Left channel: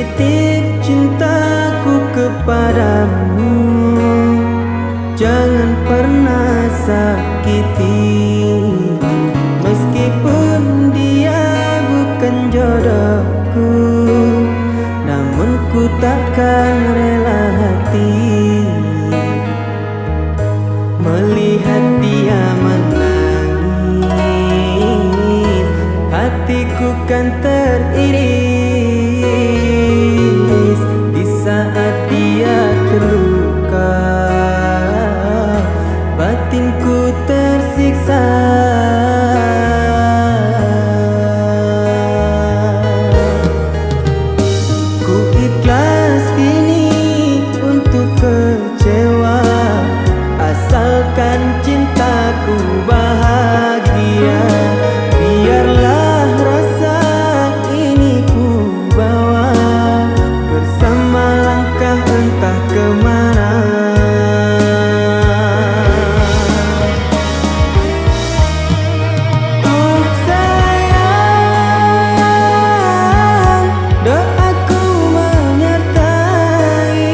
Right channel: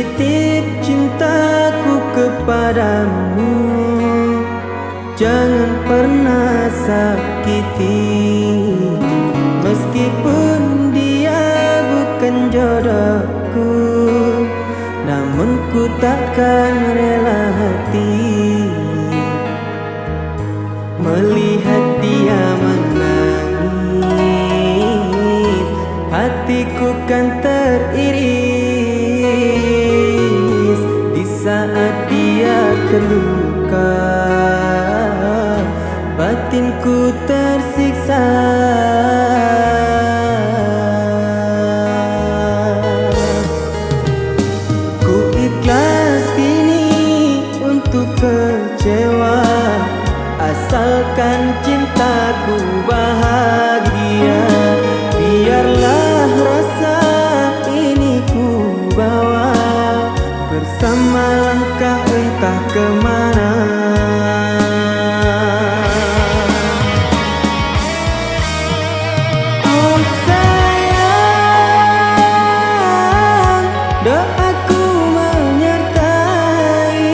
titip cintaku kepadamu, jangan pernah sakiti. Meskipun dia bukan jodohku, namun ku takkan rela hati melihat dia menangis. Hatiku kan teriris di saat dia terluka, batinku tersiksa. Ku ikhlas kini untuk kecewa, asalkan cintaku bahagia. Biarlah rasa ini ku bawa bersama langkah entah kemana. Oh sayang, doaku menyertai.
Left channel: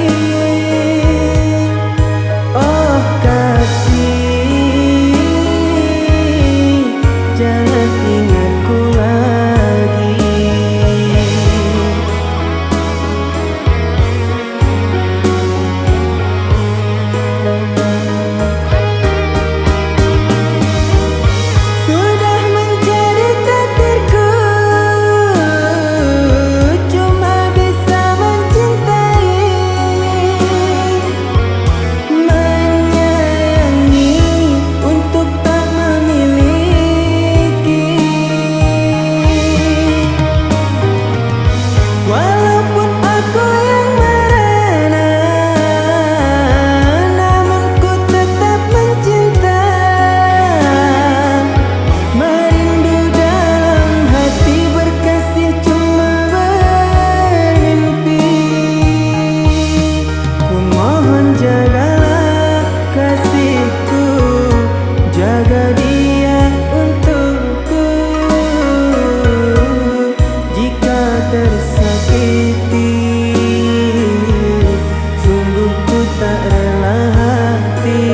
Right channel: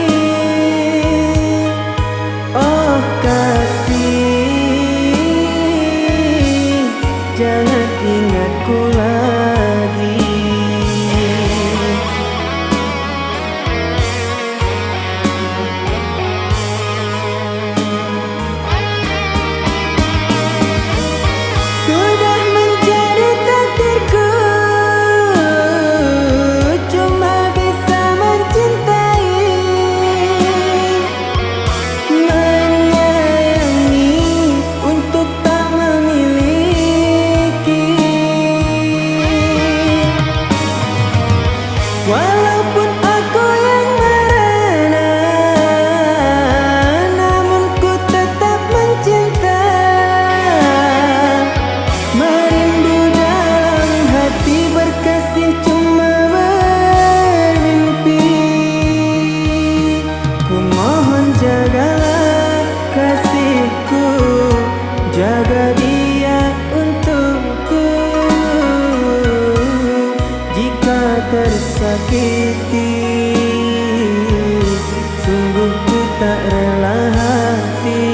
Oh kasih, jangan ingatku lagi. Sudah menjadi takdirku, cuma bisa mencintai, menyayangi untuk tak memiliki. Walaupun aku yang merana, namun ku tetap mencinta. Merindu dalam hati, berkasih cuma bermimpi. Ku mohon jagalah kasihku, jaga dia untukku. Jika tersakiti, sungguh ku tak rela hati.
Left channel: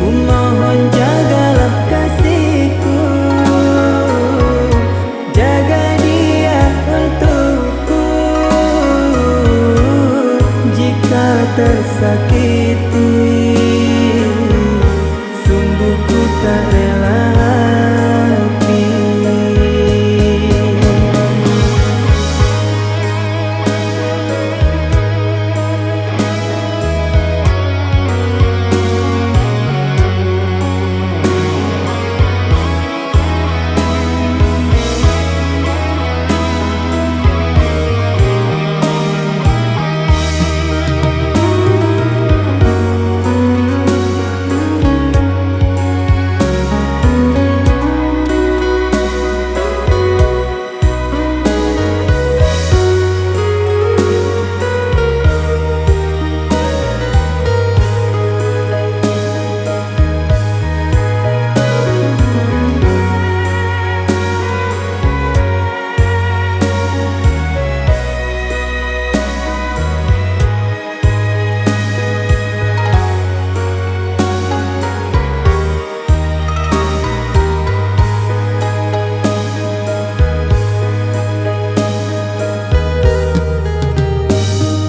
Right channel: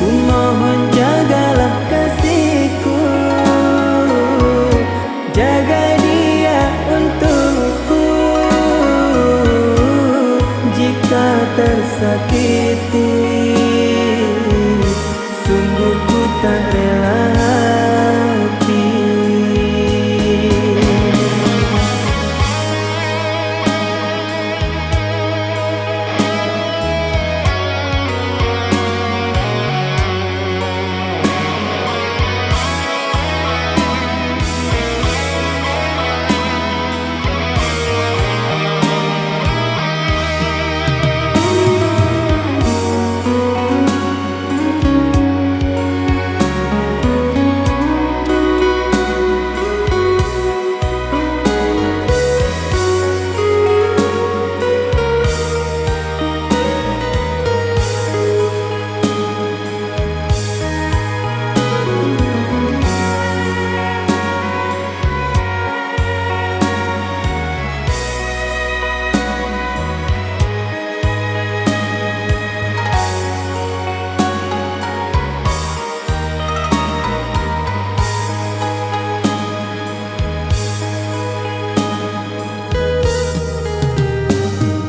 Ku mohon jagalah kasihku, jaga dia untukku. Jika tersakiti, sungguh ku tak rela hati.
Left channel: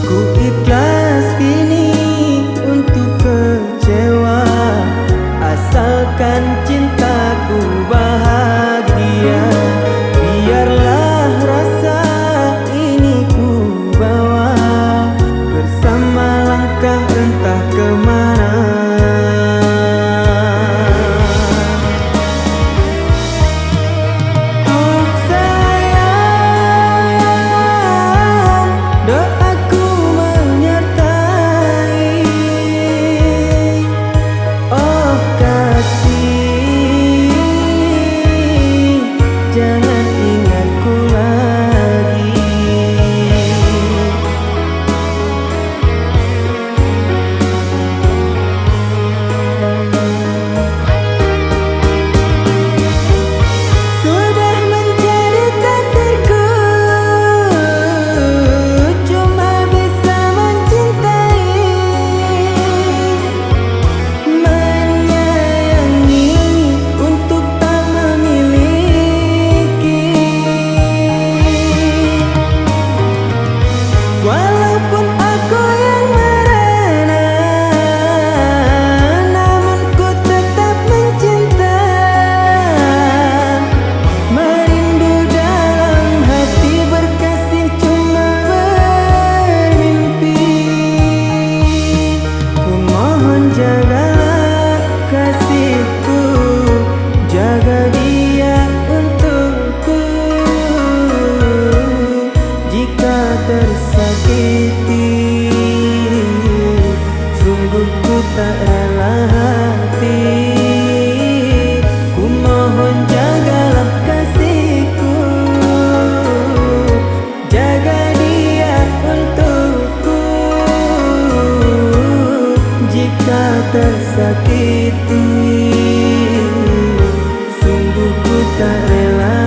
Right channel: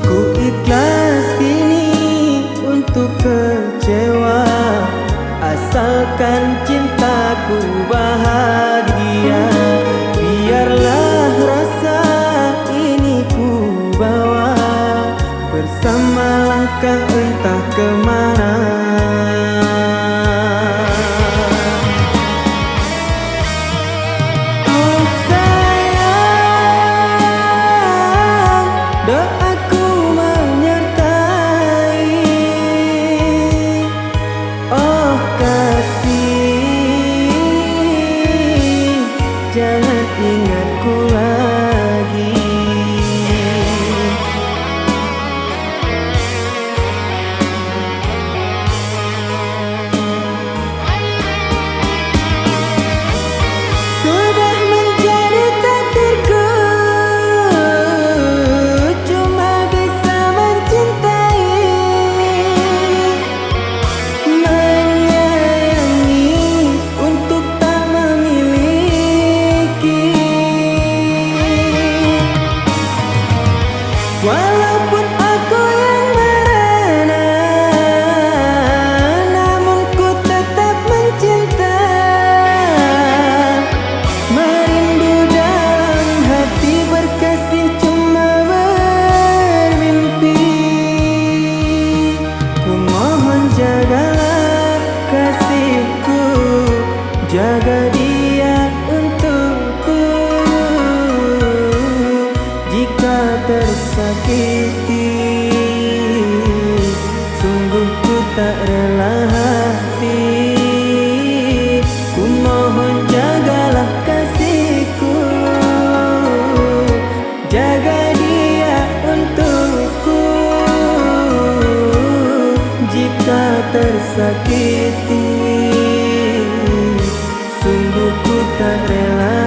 Ku ikhlas kini untuk kecewa, asalkan cintaku bahagia. Biarlah rasa ini ku bawa bersama langkah entah kemana. Oh sayang, doaku menyertai. Oh kasih, jangan ingatku lagi. jagalah kasihku, jaga dia untukku. Jika tersakiti, sungguh ku tak rela hati. Ku mohon jagalah kasihku, jaga dia untukku. Jika tersakiti, sungguh ku tak rela